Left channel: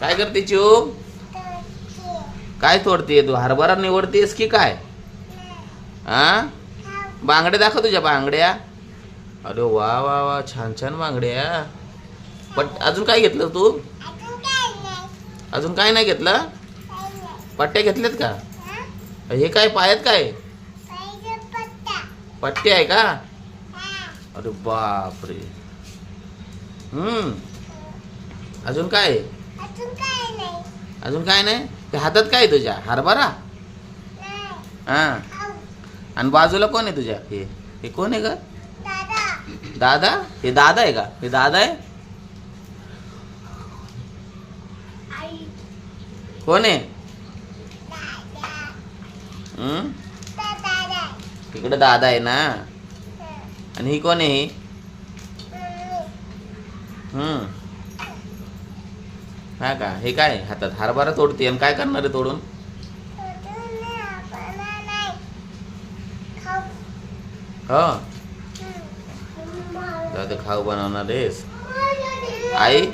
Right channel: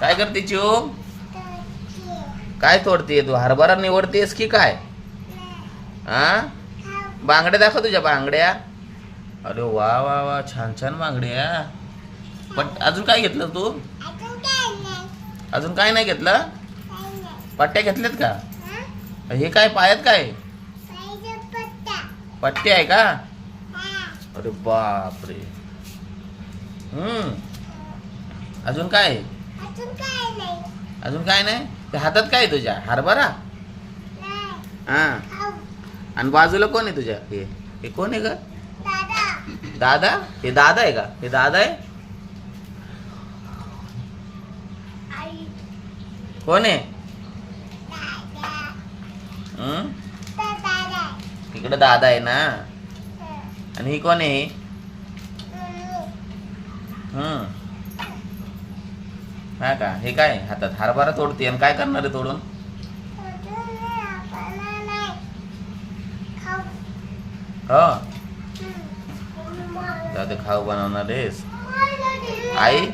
काय करते चिऊ? काय तोडतीये तू? हरभरा निवडतेस की काय? हा, बांगड्या दाखव तुझ्या बांगड्या. अरे वा वा वा, छान छान बांगड्या. पण अजून काय घेतलं तू? अजून काय नाही घेतलं? पट्ट्या घेतल्यात का? हे काय पायात काय? पट्टे आहे का? अरे बापरे. अजून काय? अजून काय नाही. ते हातात काय आहे तुझ्या? हरभरा. हा, आणि बाजूला कोण आहे तुझ्या? हे कोण आहे का? दादा. हे दादा आहे का? हे दादा आहे. कोण आहे? इकडे दादा आहे ना. आणि ही कोण आहे? हा का? हे काय हातात? हरभरा तोडते. आणि काय करणार आहे तोडून? हो, दादा खाऊ बनवणार आहेस. आई